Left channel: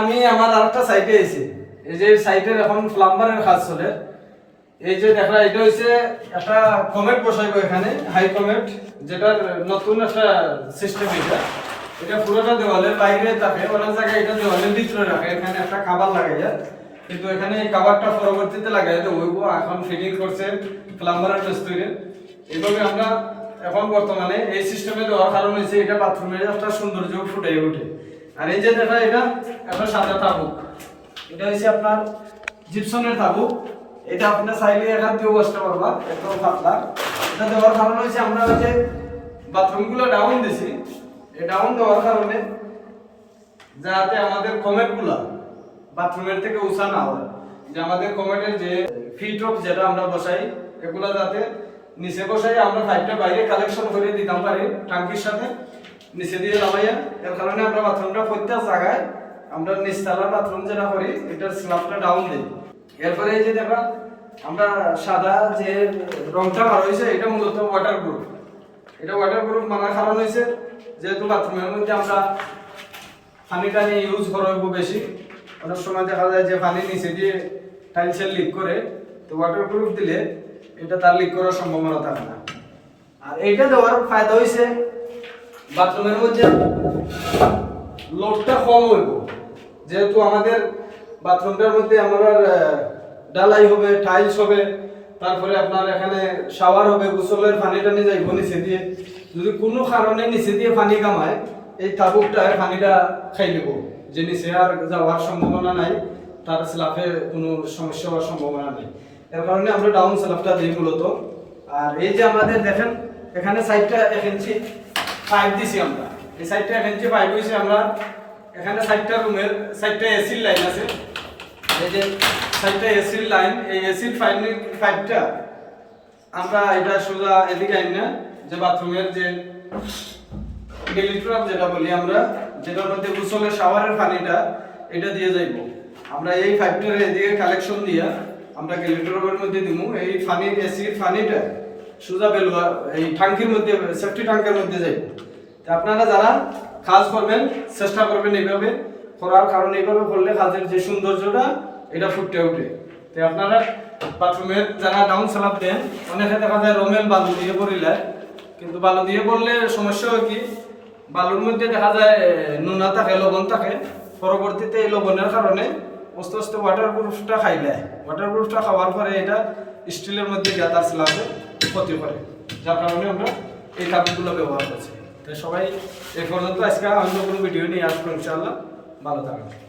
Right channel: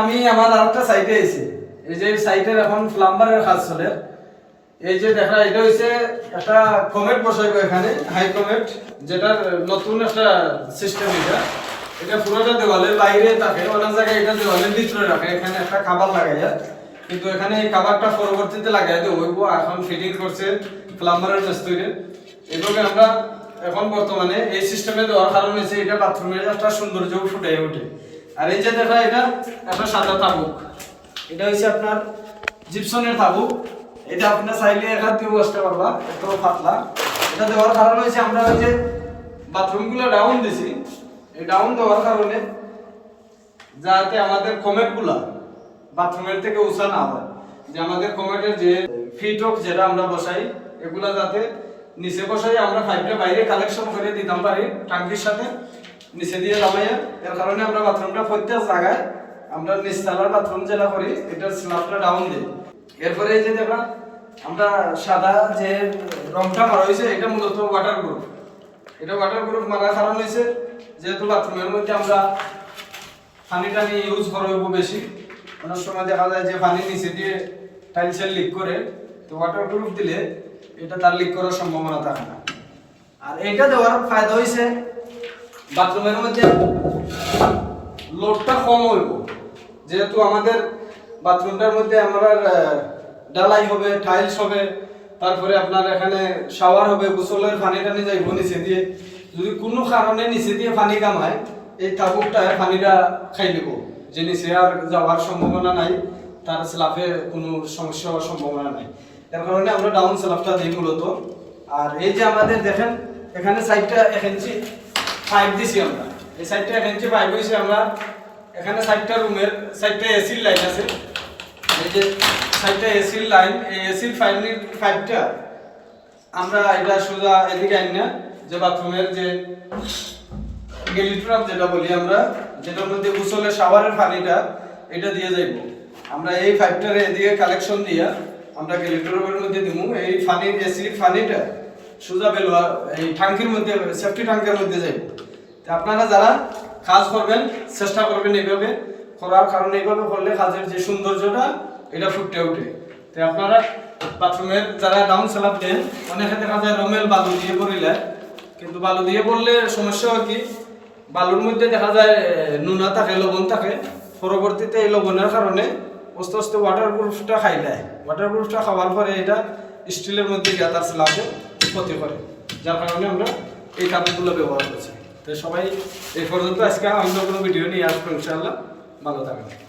আমি আমার আরেকটা সাইটে এসেছি এই যে সাইটের এখন প্লাম্বারের কাজ চলে। এই যে দেখা, এটা হচ্ছে একটা কমেট বসাইব এখানে হাই কমেট যেটা নতুন একটা সিস্টেম এটা। এটা পুরোটা দেওয়ালের বাইরে থাকে অনেক জায়গায় এটা দেওয়ালের ভিতরে রাখে। এখানে একটা খাবার লাগাই যায় কিন্তু এখানে এই খাবারটা পরবর্তীতে লাগাই দেবো। ওইব এখন ফিটিং করছে প্লাম্বারের মিস্ত্রি এইভাবে আমরা এখন বর্তমানে এই সিস্টেমে দেওয়ার কারণ হচ্ছে এটা বাথরুমের একটা সৌন্দর্য ফুটে ওঠে। আর এই যে দেখা এটা একটা সাদা তাবুক। এটা হচ্ছে আপনার জিপসনের তাবুক। এটা আপনি চাইলে এখান থেকে বসতে পারবা এত পাতলা। এটা দেওয়ার কারণ হচ্ছে আমরা ওই যে বাথরুমগুলো ডাউন দিছি। এই ডাউন দেওয়ার কারণে যাতে আমাদের কমেটগুলা বাথরুমের থেকে উঁচা না হয়। যে আমাদের কমেটের যে ফিট অফ যেটা আমরা বসাই, এগুলা যাতে নিচে বসাই, আমরা পাইপটা বাইরে কালেকশন করে দিতাম পারি, টাঙ্কির সাথে। নিচে দিয়ে লাগাইয়া এর কারণে আমরা বাথরুমটা প্রত্যেক জায়গায় আমরা নিচতলার বাথরুম যেটা করি, এটার স্ল্যাবটা ডাউন দিই। এরপরে এই যে দেখা, আমরা সাদা যে রংটা মারা হয়েছে, এটা মূলত ওয়াটার প্রুফ এটা ওয়াটার প্রুফ মারার কারণ হয়েছে, যেহেতু বাথরুমের মধ্যে আমরা পানি টানি ইউজ করা হইব বেশি। অনেক সময় দেখা যায় যে পানি নিচে দিয়ে টাইলসের লিক করে, তো ওয়াটার প্রুফ দিলে এটা তার লিক করার সম্ভাবনা থাকে না। আর এইটা দেওয়ার ফায়দা হয়েছে বাথরুমের মধ্যে লোডটা কম হইব। যেহেতু আমাদের বাথরুমটার মধ্যে আমরা ডালাই হবে টাইলস হবে, তারপরে আপনার এখানে শাওয়ার হবে গোসলের পানি টানি যাইব নিচে দিয়ে। যদি কোনো কারণে নিচে দিয়ে পানি কামায়, এই তাবুকটায় পানিটা খাই দেবো যে নিচে আর যাওয়ার সম্ভাবনা নাই, তার স্লাফে কোনো সমস্যা হওয়ার সম্ভাবনা নাই। এর কারণে আমরা ডাউন স্লাফটা দিই মূলত। আর এই যে আমাদের দেখেন, এখানে সাইডটা এক ইঞ্চি পাইপ দিছি আমরা। এই সাইডটা এক ইঞ্চি পাইপ হয়েছে আমরা, এখানে সাইডটা রুমের সাইডটা এসির লাইন আছে। এই যে সাইডটা এসির লাইন এই এসির ফাইনের পাইপটা আমরা এটা সোজা এদিকে আইন না, যে বাথরুমের যে গেলিট্রাপ যেটা বলি আমরা যেটার মধ্যে গোসলের শাওয়ারের পানিটা, এটা দিয়ে যাইব। আমরা এই পাইপটারে এদিকে কালেকশন দিয়া আমরা গেলিট্রাপের মধ্যে দিমু। এই পানি এসির পানিটা সোজা বেলোয়া এই ট্যাঙ্কির মধ্যে সেফটি ট্যাঙ্কের মধ্যে যাইব তা আপনারা যারা কাজ করবেন, চেষ্টা করবেন এইভাবে, করার কারণ এইভাবে করলে কাজের যে সৌন্দর্যটা, এটা ফুটে ওঠে। তো আপনারা বাথরুমের যারা ডাউন স্ল্যাব দেন, অনেকে দেখা যায় রমেল বালু দিয়ে পড়িলে কিন্তু বালু দিয়ে পড়লে সমস্যা হয় কি, বালুর মধ্যে দেখা যায় নুনা থাকে, লবণ থাকে। পরবর্তীতে এই লবণের কারণে আস্তে আস্তে ওয়াটার প্রুফটা খাই দেয় ওয়াটার প্রুফটা খাওয়ার পরে এটা স্টিলের মধ্যে গিয়ে তার ক্ষতি করে, যার কারণে আমরা এই কাপড়গুলো ব্যবহার করছি। তো সবাই এই পর্যন্ত, আজকে অন্য কোনো ভিডিও নিয়ে আসব ইনশাআল্লাহ। ভালো থাকবেন।